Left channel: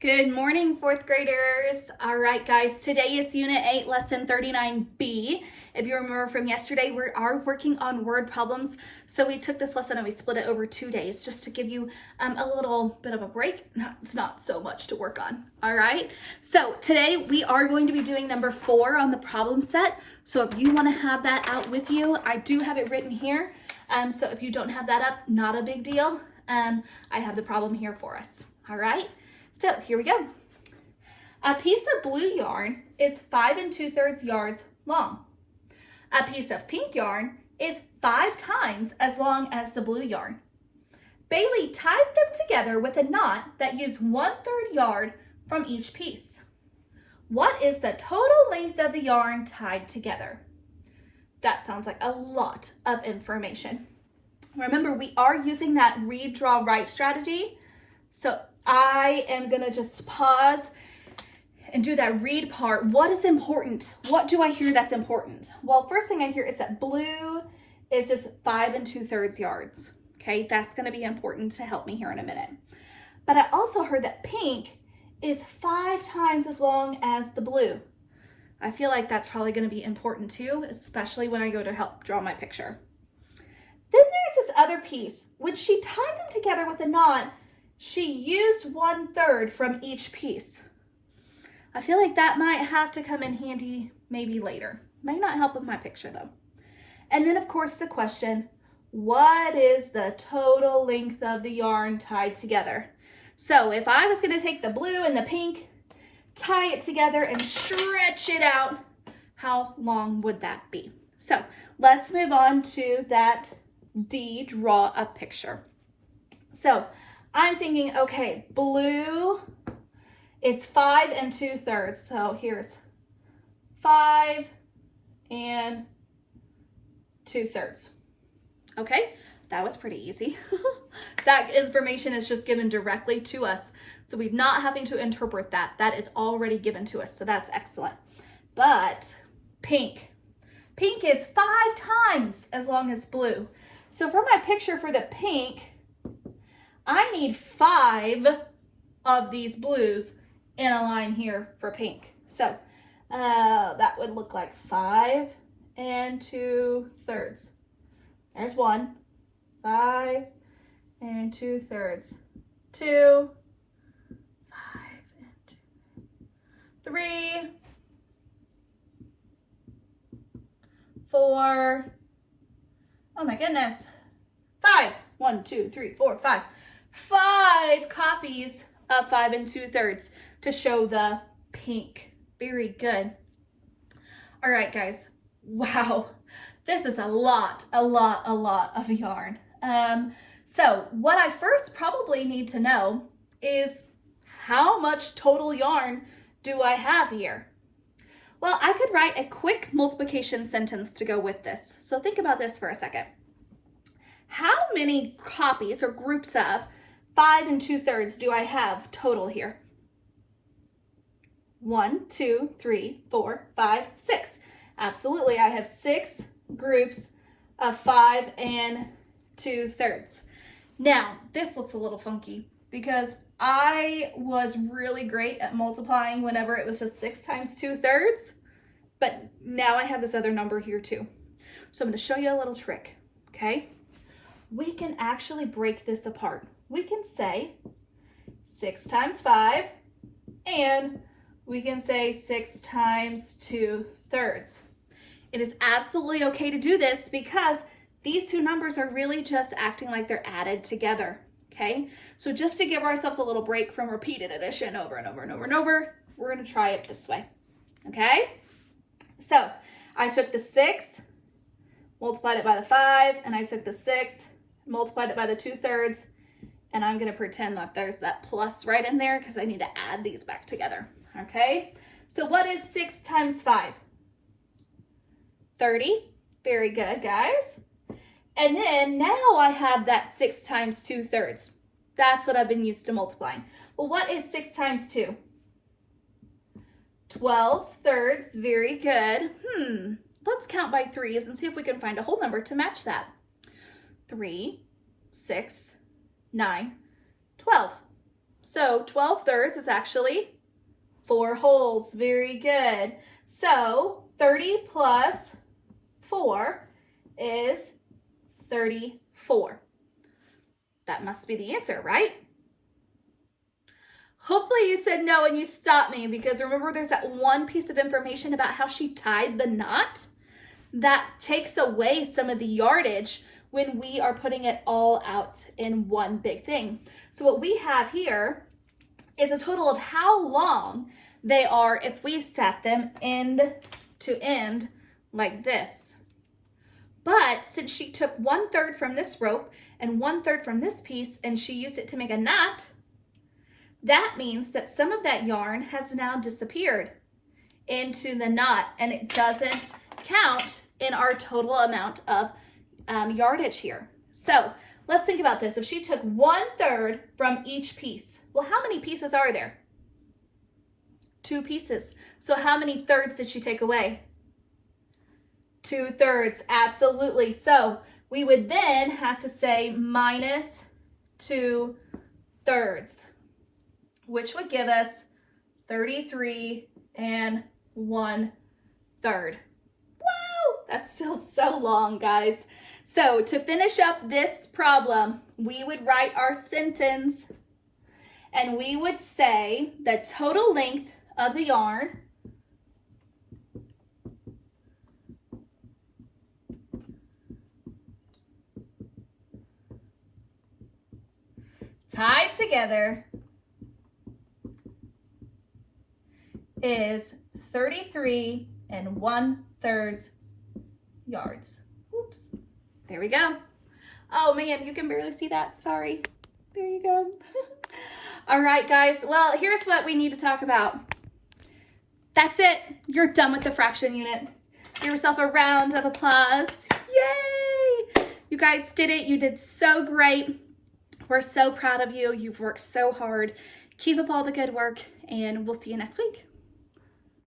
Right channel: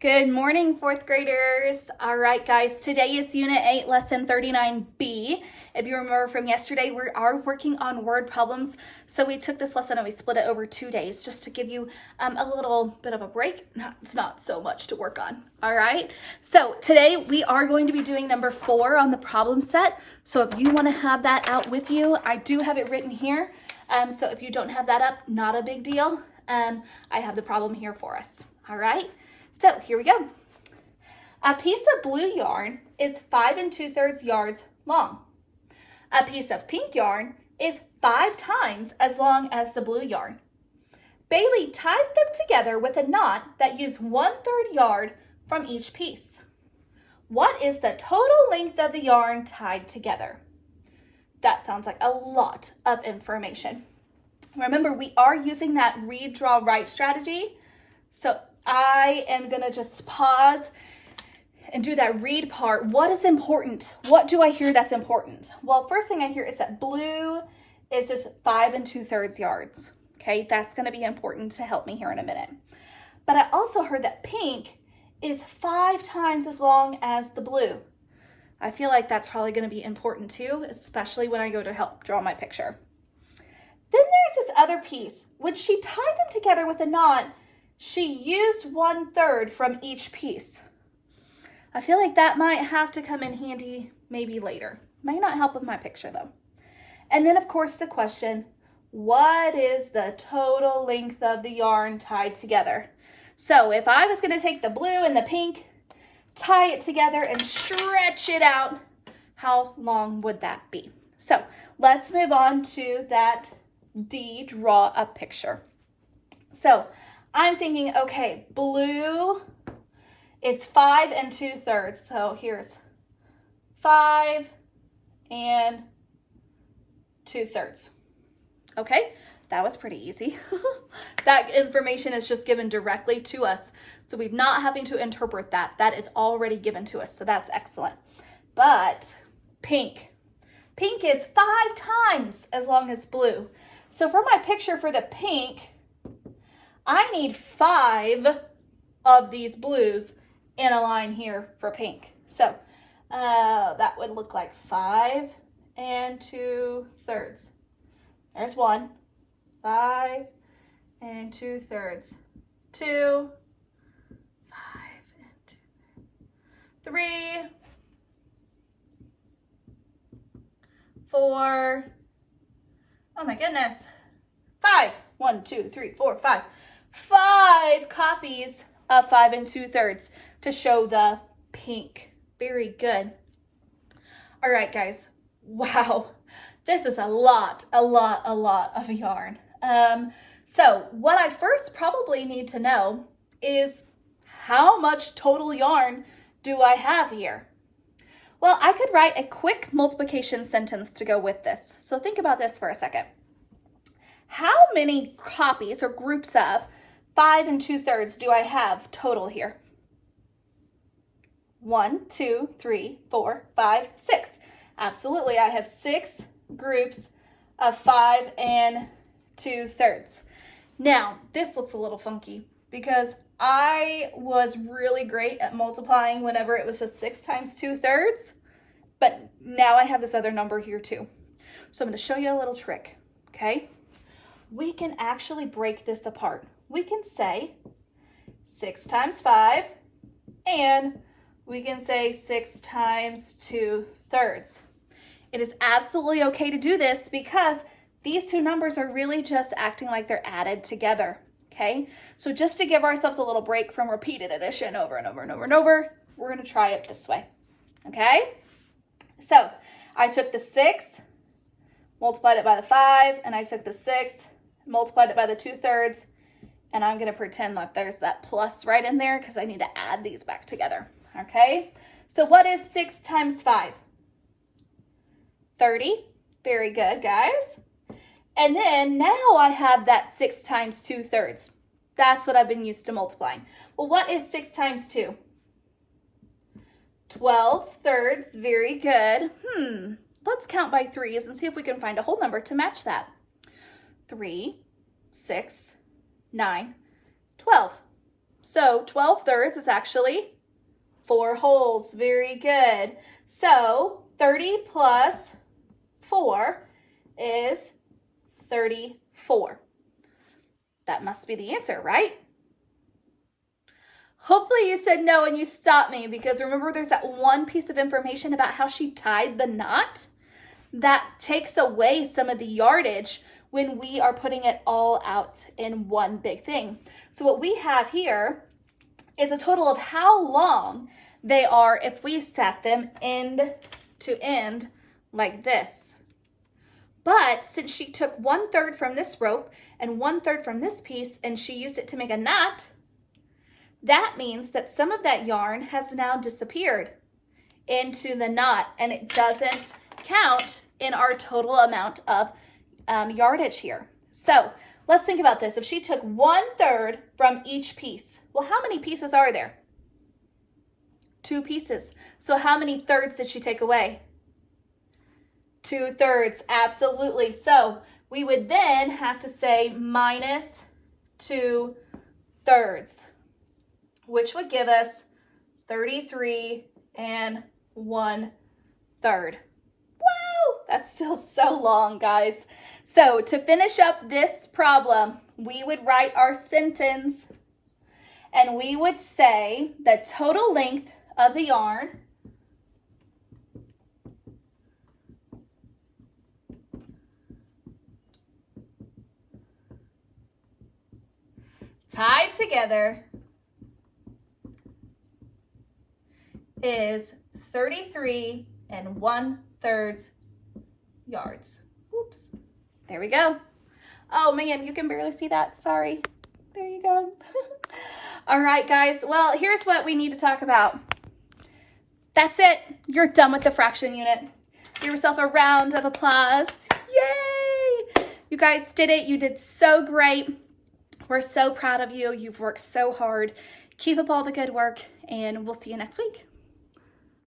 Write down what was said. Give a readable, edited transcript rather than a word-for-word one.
Good morning, fourth graders. All right, guys, today is Unit 8, Lesson 39B. If you remember from yesterday, we are working on word problems. So we took this lesson and we split it over 2 days just to give you a little bit of a break. It's not so much to work on, all right? So today we are going to be doing number 4 on the problem set. So if you want to have that out with you, I do have it written here. So if you don't have that up, not a big deal. I have the problem here for us, all right? So here we go. A piece of blue yarn is 5 2/3 yards long. A piece of pink yarn is 5 times as long as the blue yarn. Bailey tied them together with a knot that used 1/3 yard from each piece. What is the total length of the yarn tied together? That sounds like a lot of information. Remember, we are using that read, draw, write strategy. So I am going to just pause and do that read part. What is important? What do I hear that's important? Well, first thing I hear is that blue is just 5 2/3 yards. Okay, that's going to be important to help me here in a minute. But I also heard that pink is 5 times as long as the blue. I feel like that's probably going to be important too, especially when I go to help draw my picture. Then there's this other piece. When she tied them together with a knot, she used 1/3 from each piece. I feel like that might have to come in handy maybe later. Might not help with my picture though. And then of course the question, what is the total length of the yarn tied together? So if I was going to take the blue and the pink, tie it together and stretch it out, how long would that be? So let's move on to that D, draw a picture. So I'm thinking, okay, blue, it's 5 2/3. So here's 5 2/3. Okay, that was pretty easy. That information is just given directly to us. So we're not having to interpret that. That is already given to us. So that's excellent. But pink is 5 times as long as blue. So for my picture for the pink, I need 5 of these blues in a line here for pink. So that would look like 5 2/3. There's 1. 5 2/3. 2, 5 2, 3, 4. Oh my goodness. 5. 1, 2, 3, 4, 5. 5 copies of 5 2/3 to show the pink. Very good. All right, guys. Wow. This is a lot of yarn. So what I first probably need to know is how much total yarn do I have here? Well, I could write a quick multiplication sentence to go with this. So think about this for a second. How many copies or groups of 5 2/3 do I have total here? 1, 2, 3, 4, 5, 6. Absolutely, I have 6 groups of 5 2/3. Now, this looks a little funky because I was really great at multiplying whenever it was just 6 times 2/3, but now I have this other number here too. So I'm going to show you a little trick, okay? We can actually break this apart. We can say 6 times 5, and we can say 6 times 2/3. It is absolutely okay to do this because these two numbers are really just acting like they're added together, okay? So just to give ourselves a little break from repeated addition over and over and over and over, we're going to try it this way, okay? So I took the 6, multiplied it by the 5, and I took the 6, multiplied it by the 2/3, and I'm going to pretend that there's that plus right in there because I need to add these back together, okay? So what is 6 times 5? 30. Very good, guys. And then now I have that 6 times 2/3. That's what I've been used to multiplying. Well, what is 6 times 2? 12/3. Very good. Let's count by 3s and see if we can find a whole number to match that. 3, 6, 9, 12. So 12 thirds is actually 4 wholes. Very good. So 30 plus 4 is 34. That must be the answer, right? Hopefully you said no and you stopped me, because remember there's that one piece of information about how she tied the knot that takes away some of the yardage when we are putting it all out in one big thing. So what we have here is a total of how long they are if we set them end to end like this. But since she took 1/3 from this rope and 1/3 from this piece and she used it to make a knot, that means that some of that yarn has now disappeared into the knot, and it doesn't count in our total amount of yardage here. So let's think about this. If she took 1/3 from each piece, well, how many pieces are there? 2 pieces. So how many thirds did she take away? 2/3, absolutely. So we would then have to say minus 2/3, which would give us 33 1/3. Wow, that's still so long, guys. So to finish up this problem, we would write our sentence and we would say the total length of the yarn tied together is 33 1/3 yards. Oops, there we go. Oh man, you can barely see that, sorry. There you go. All right, guys, well, here's what we need to talk about. That's it, you're done with the fraction unit. Give yourself a round of applause. Yay! You guys did it, you did so great. We're so proud of you. You've worked so hard. Keep up all the good work, and we'll see you next week.